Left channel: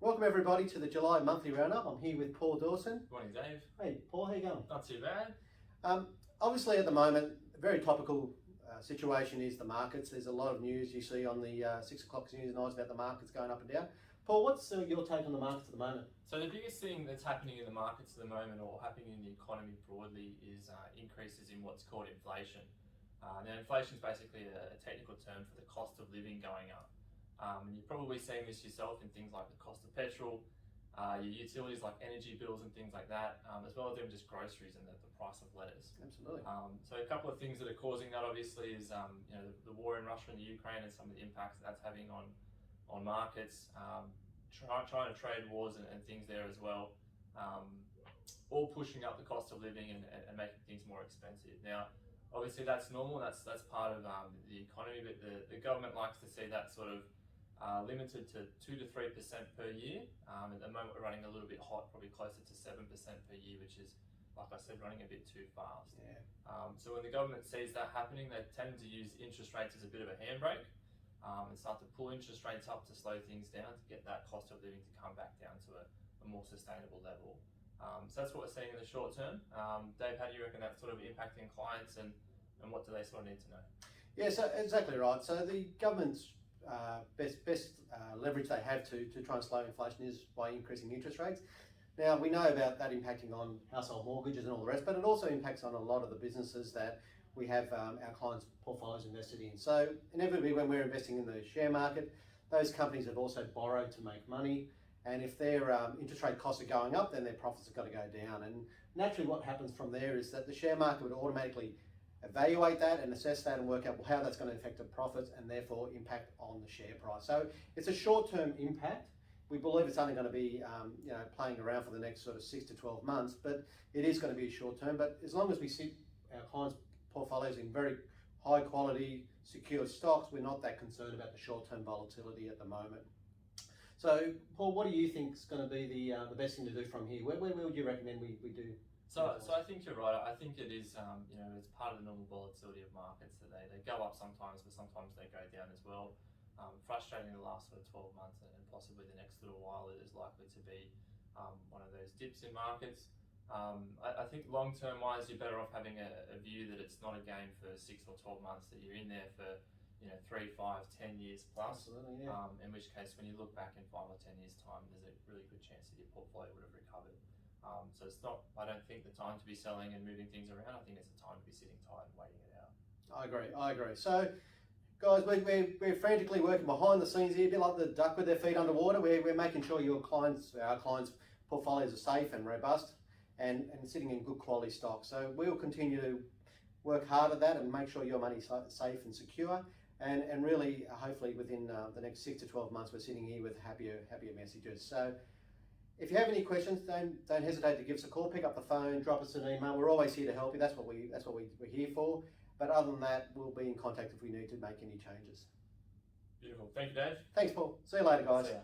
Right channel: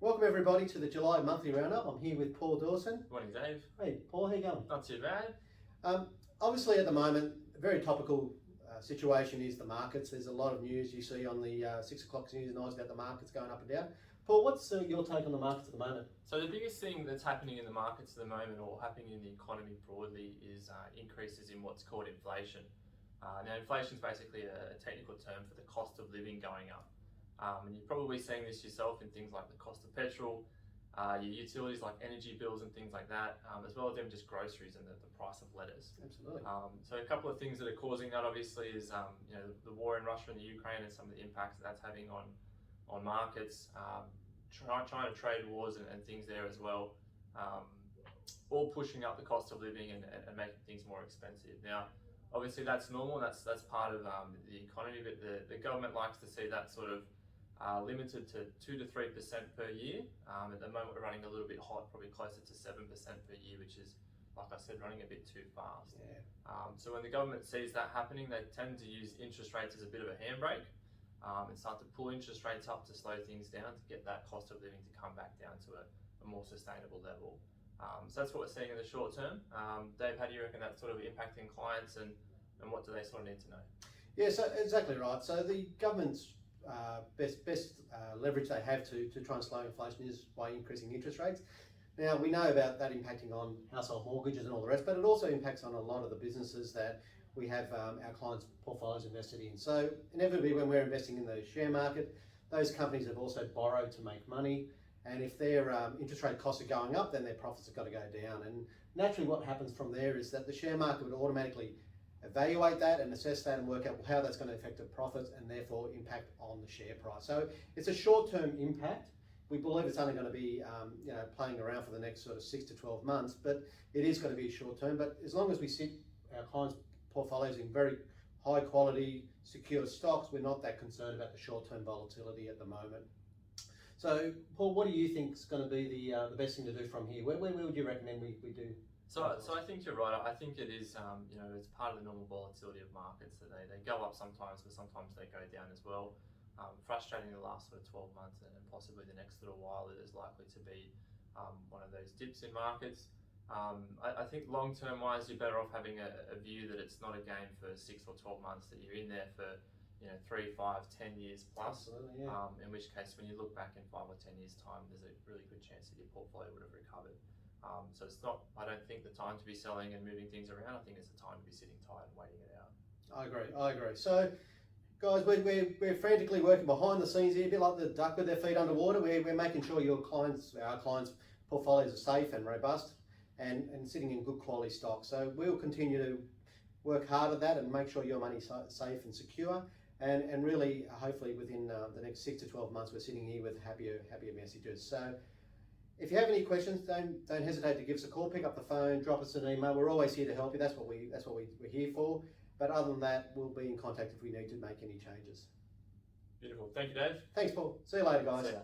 Welcome everybody to the July monthly roundup. I'm here with Paul Dawson. Morning, Dave. Hey Paul, how you going? Not too bad. Obviously at the moment, a very topical situation is the markets. There's a lot of news you see on the 6 o'clock news nights about the markets going up and down. Paul, what's your take on the markets at the moment? So the biggest thing that's happening in the markets at the moment, or happening in the economy broadly, is increases in what's called inflation. Now inflation is basically a technical term for the cost of living going up. And you're probably seeing this yourself in things like the cost of petrol, your utilities like energy bills and things like that, as well as even just groceries and the price of lettuce. Absolutely. So a couple of things that are causing that obviously is the war in Russia and the Ukraine and some of the impacts that's having on markets, China trade wars and things there as well, all pushing up the cost of living and making things more expensive. Now, obviously that's normal, that's part of the economy, but the government likes to see that sort of limited to 2 to 3% per year. At the moment we're running a little bit hot, probably closer to 7% per year, which is, like I said, running a bit too fast. Yeah. So when the government sees that happening, they tend to use interest rates as a bit of a handbrake and start to pull interest rates up to slow things down to get that cost of living to come back down to a more sustainable level. So that's what we're seeing in the short term. Dave, how do you reckon that's sort of impacting clients and what do they sort of need to know? Yeah, so exactly right. So the government's best leverage they have to try and slow inflation is by increasing interest rates. Now, we know about that impacting on household mortgages and all the rest, but it also impacts on a lot of the businesses that we have our clients' portfolios invested in. So inevitably, when we're investing in the share market, those companies have also borrowed to make money. And if their interest rate costs are going up, then their profits are going to go down. And naturally what happens from there is that the share market would automatically evaluate that and assess that and work out how that's going to affect the profits and therefore impact on the share price. So it's a short-term impact. We believe it's only going to be playing around for the next sort of 6 to 12 months, but it is going to be short-term. But as long as we sit our clients' portfolios in very high quality, secure stocks, we're not that concerned about the short-term volatility at the moment. So, Paul, what do you think is going to be the best thing to do from here? Where would you recommend we do? So I think you're right. I think it is, it's part of the normal volatility of markets that they go up sometimes, but sometimes they go down as well. Frustrating the last sort of 12 months and possibly the next little while, it is likely to be one of those dips in markets. I think long-term wise, you're better off having a view that it's not a game for 6 or 12 months, that you're in there for 3, 5, 10 years plus. Absolutely, yeah. In which case, when you look back in 5 or 10 years' time, there's a really good chance that your portfolio would have recovered. So it's not, I don't think, the time to be selling and moving things around. I think it's the time to be sitting tight and waiting it out. I agree. So, guys, we're frantically working behind the scenes here, a bit like the duck with their feet underwater. We're making sure our clients' portfolios are safe and robust and sitting in good quality stock. So we'll continue to work hard at that and make sure your money's safe and secure. And really, hopefully, within the next 6 to 12 months, we're sitting here with happier messages. So, if you have any questions, don't hesitate to give us a call. Pick up the phone, drop us an email. We're always here to help you. That's what we're here for. But other than that, we'll be in contact if we need to make any changes. Beautiful. Thank you, Dave. Thanks, Paul. See you later, guys. See ya.